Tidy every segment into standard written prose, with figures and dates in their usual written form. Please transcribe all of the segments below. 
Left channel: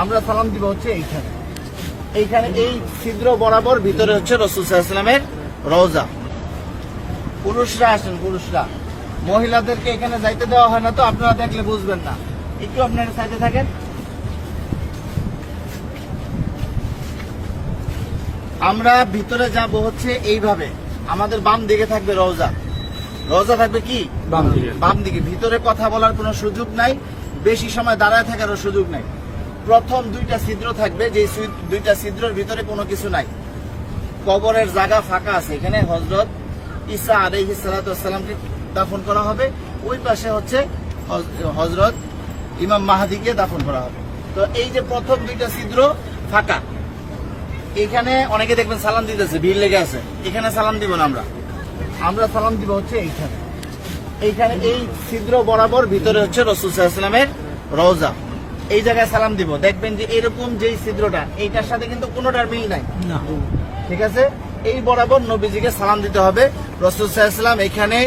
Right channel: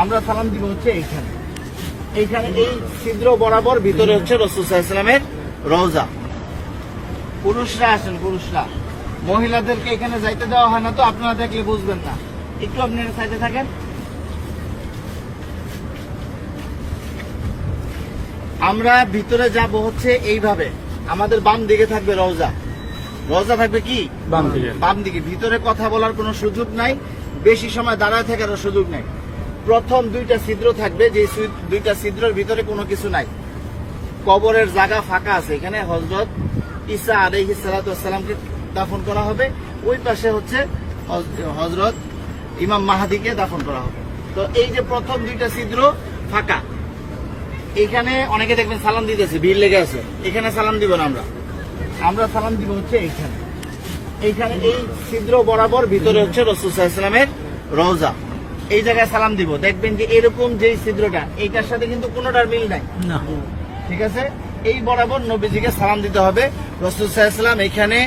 আমরা সালাম দিব হচ্ছে এইখানে। এইখানে এই ছিদ্র বরাবর ভিতরে হচ্ছে রাসূল সাল্লাল্লাহু আলাইহি ওয়াসাল্লামের রওজা। পুরুষরা আসেন, পুরুষরা, মহিলাদেরকে এখানে যাইতে দেওয়া হয় না, তো আপনারা দেখলে বুঝবেন না। একটু আপনারা সাইডে থাকেন। আমরা ভিতরে যাব হচ্ছে এইভাবে, আমাদের বাম দিকে থাকবে রওজা। রওজা থাকবে কি বাম দিকে। ভিতরে কথা বলার কোনো সুযোগ নাই, বেশি সময় দাঁড়ায় থাকারও সুযোগ নাই। প্রথম দুইটা ছিদ্র থাকবে, যে দুইটা ছিদ্রের ভিতরে কোনো কিছু নাই। কবরের জায়গা ফাঁকা আছে, এখানে হযরত ঈসা আলাইহিস সালাতু ওয়াস সালামকে দাফন করা হবে। ওই পাশে হচ্ছে হযরত ইমাম মাহদিকে দাফন করা হবে। তো এই যে প্রথম দুইটা ছিদ্র ফাঁকা, এখানে অনেকে দেখবেন সালাম দিতেছে, ভিড় লেগে আছে। এখানে সালাম দিব না, আমরা সালাম দিব হচ্ছে এইখানে। এইখানে এই ছিদ্র বরাবর ভিতরে হচ্ছে রাসূল সাল্লাল্লাহু আলাইহি ওয়াসাল্লামের রওজা। এই জায়গায় সালাম দিব, দেখবেন যে এরকম যেই ছিদ্রটা, এইটার সাথে কিন্তু কোনোটার মিল নাই, ঠিক আছে। এই বরাবর নবীজিকে সালাম দিতে হবে। রাসূল সাল্লাল্লাহু আলাইহি ওয়াসাল্লাম এখানে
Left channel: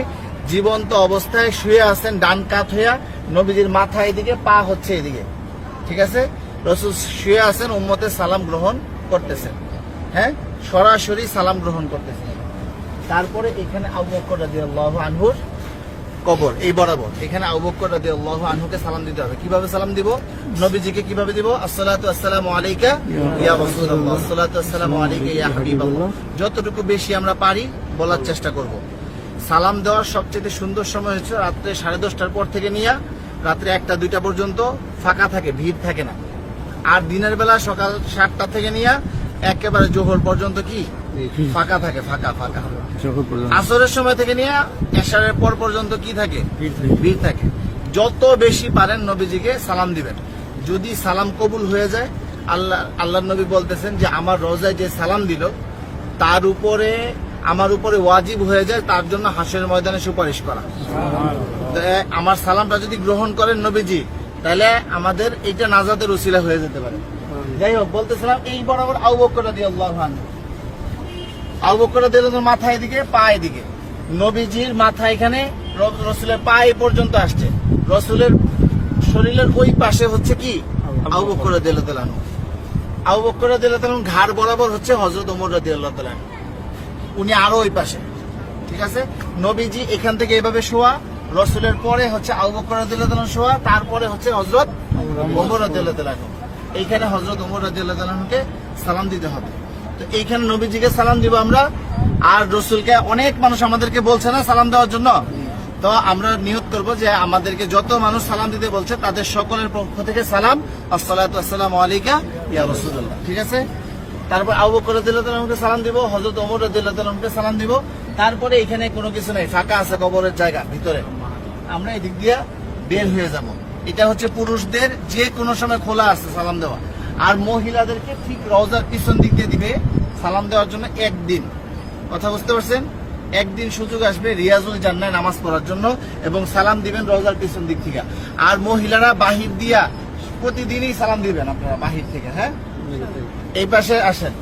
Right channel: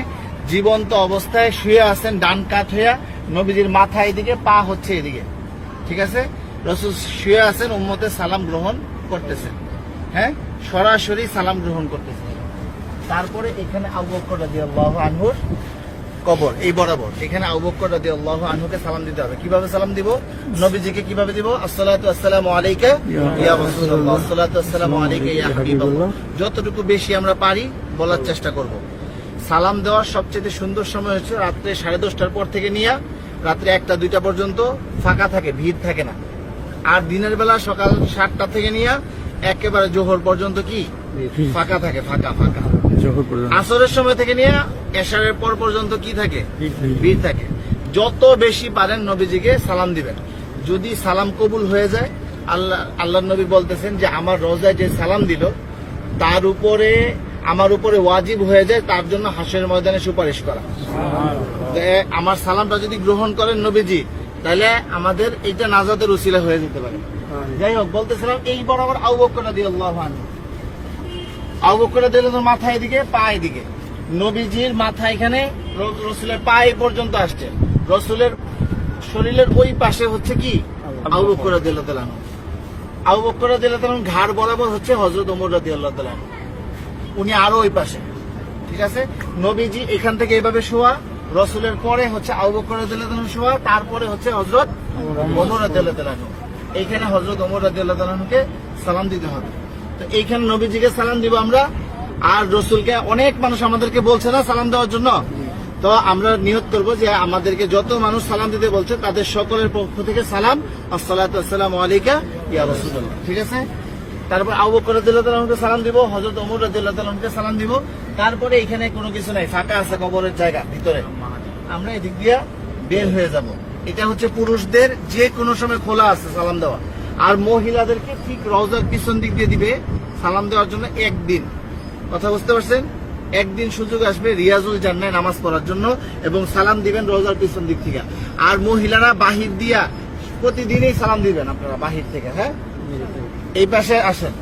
জীবন্ত অবস্থায় শুয়ে আছেন, ডান কাত হইয়া, নবীজির মাথা এদিকে, পা হচ্ছে এদিকে, ঠিক আছে। রাসূল শুয়ে আছেন, উম্মতের সালাম গ্রহণ করতেছেন, হ্যাঁ, সরাসরি সালাম গ্রহণ করতেছেন। তারপরে এখানে আবু বকর রাদিয়াল্লাহু আনহুর কবর, এই বরাবর এখানে আবু বকর রাদিয়াল্লাহু আনহুকে সালাম দিতে হবে। কিভাবে সালাম দিব? নবীজিকে কিভাবে দিব? আসসালাতু আসসালামু আলাইকা ইয়া রাসূলুল্লাহ, আসসালাতু আসসালামু আলাইকা ইয়া হাবিবাল্লাহ। যতটুকু বেশি আমরা পারি বলার চেষ্টা করব। সালাম দেওয়ার সবচেয়ে সুন্দর সময় হচ্ছে রাত্রে 10:30টার পর থেকে নিয়ে রাত্রে 1টা-2টা পর্যন্ত ফাঁকা থাকে, ভিড় থাকে না। আর দিনের বেলা সকাল 7টা থেকে নিয়ে একেবারে জোহর পর্যন্ত কি ফাঁকা থাকে, ফাঁকা। আসরের সময় থেকে নিয়ে এশারের পর পর্যন্ত কি থাকে? ভিড় থাকে। যত বেশি পারেন নবীজিকে সালাম দিবেন। যদি সালাম কবুল হয়ে যায়, আল্লাহ নবী বলতেছেন যে আমার রওজায় যে সালাম দিল তার উপরে, আমার উপরে ওয়াজিব হয়ে যায় তার জন্য হাসরের ময়দানে সুপারিশ করা। আমার সালামটা যদি গ্রহণ করেন নবীজি, তাহলে আমাদের এইটা নাজাতের উসিলা হয়ে যেতে পারে। যাই হোক, বলতেছিলাম এই বরাবর আবু বকর রাদিয়াল্লাহু আনহু, আবু বকর রাদিয়াল্লাহু আনহু মাথা এদিকে, পা এদিকে। নবীজির মাথা এখানে, রাসূলের পা এই পর্যন্ত আসছে। রাসূলের শরীরের ওই পাশে হচ্ছে কি আবু বকর রাদিয়াল্লাহু আনহু। আবু বকর রাদিয়াল্লাহু আনহু ঘাড় বরাবর হচ্ছে হযরত ওমর রাদিয়াল্লাহু আনহু, উনি আরো ওই পাশে, ঠিক আছে। নবীজি এখান থেকে এভাবে শোয়া, রাসূলের পরে হচ্ছে আবু বকর রাদিয়াল্লাহু আনহু শোয়া, তারপরে হচ্ছে হযরত ওমর রাদিয়াল্লাহু আনহু। এইখানে হযরত ওমর রাদিয়াল্লাহু আনহুকে সালাম দিতে হবে। তো এইখানে নবীজিকে সালাম দিব আমরা। আর রাসূলকে অনেক মানুষ আমাদেরকে বলছে না সালাম দেওয়ার জন্য, তো আমরা নিয়ত করবো যে আমাদেরকে যত মানুষ সালাম দিতে বলছে তাদের সকলের পক্ষ থেকে সালাম, আসসালাতু আসসালামু আলাইকা ইয়া রাসূলুল্লাহ, ঠিক আছে। তারপর আবু বকর রাদিয়াল্লাহু আনহুকে সালাম দিব, হযরত ওমর রাদিয়াল্লাহু আনহুকে সালাম দিব। তারপরে এখানে কোনো কিছু নাই, ফাঁকা আছে কবরের জায়গা ভিতরে, আমরা এদিক দিয়ে বের হয়ে যাব। এটা হচ্ছে পুরুষদের যে কোনো সময় খোলা আছে সালাম দেওয়া। আর মহিলাদেরকে ঠিক রওজার পিছন দিক দিয়ে দিবে সালাম দেওয়ার জন্য একদিন। কথা বুঝতে পারছেন? একদিন সুযোগ আসবে রিয়াজুল জান্নাহ নামাজ পড়ার জন্য, এবং সালাম দিবেন রওজার পিছন দিক থেকে। আর মহিলারা বাহির দিয়া প্রতিদিনই সালাম দিবেন আপনারা বাহির থেকে, হ্যাঁ। এই পাশে আসেন।